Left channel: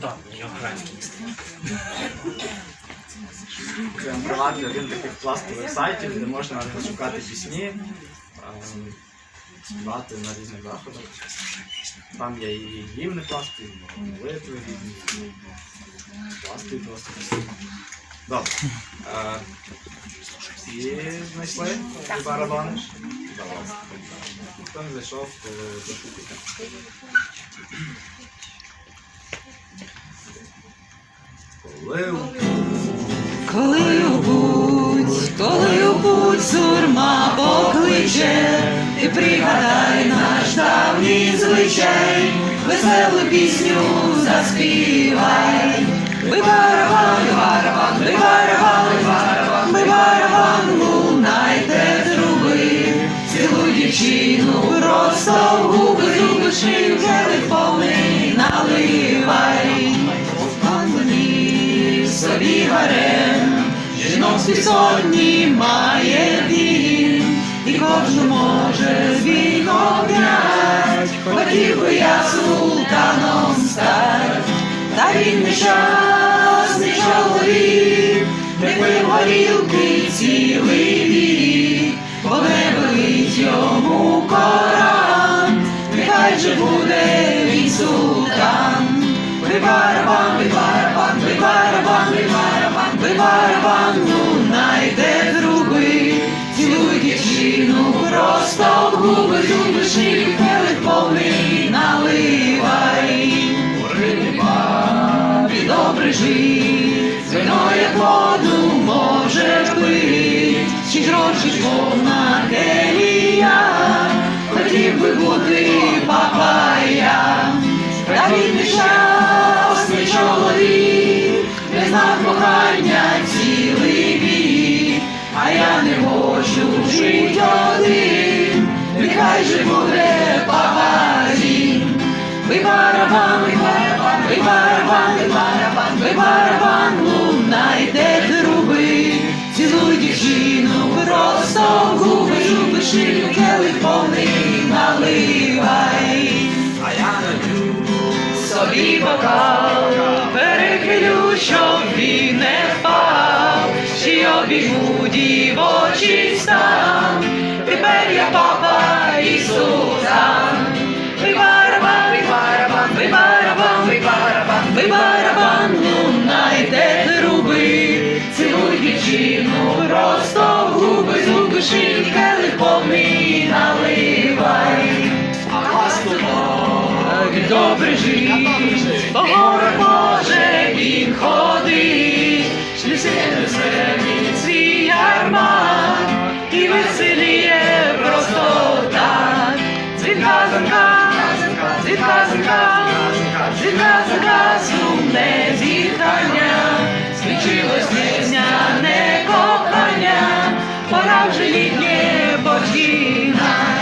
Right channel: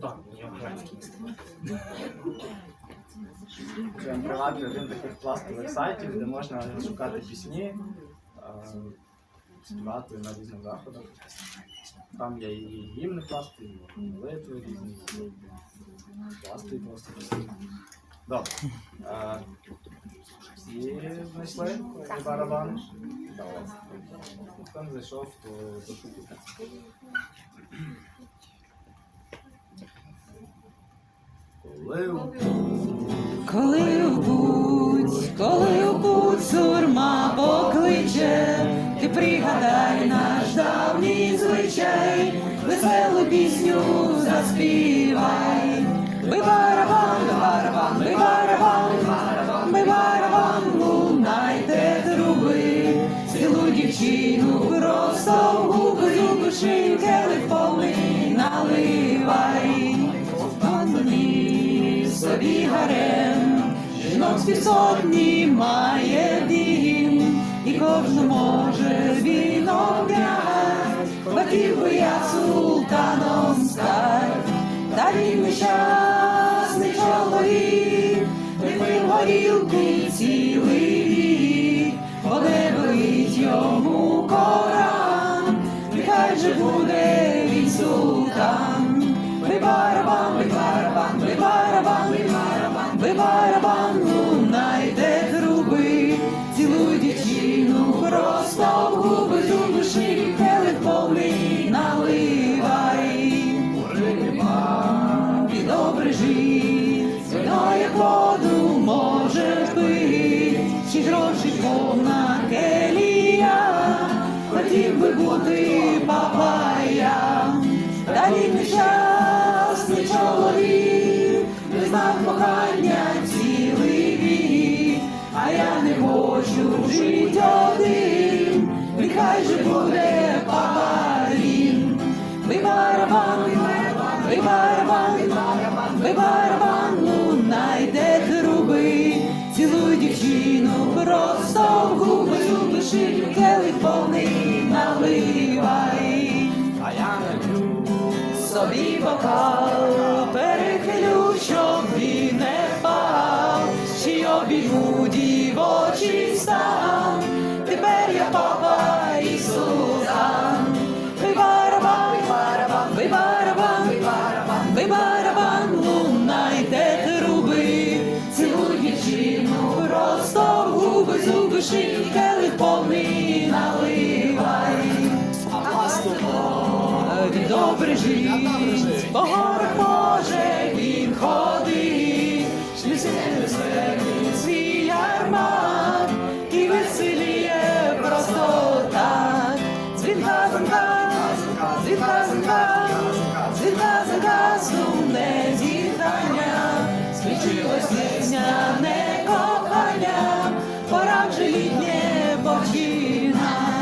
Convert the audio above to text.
Так, я український. Прям приватний один таких пластових сайтів, де можна шукати пісні, співати на різних заходах. Там є і гімни пласти, і молитви різні, пласти просто пісні. Добре. Е, Всі знайшли барабани? Зайшов, то зашукайте. Коли Коли у коли путь сурма покличе, ти пригадай наш давній звичай, веселу пісню заспівай. Ми барабан, барабан, з пісотні має він, і кожну може з віком хотів би я султаном стать, та він нещасний чоловік, не пив горілки цілий вік, бо велить йому коран, нехай же буде він султан. Ми барабан, ми барабан, ми барабан, ми барабан, ми барабан, любиш і келих повний наливай. Риба, добре жить, вино як воду може пить, чи гроші повна келія, хотів би бути папая. Та він нещасний чоловік, не знав кохання цілий вік, а я не хочу жить один, повний наливай. А я нап'ю собі бокал, добре жить, по горах може він ходить, Шляхи веселі свій ярмак, і веселіє просто так. Цвітка зерка, цвітка зерка, цвітка зерка, сумне зітхання, свічилось пора вже літнє божіна.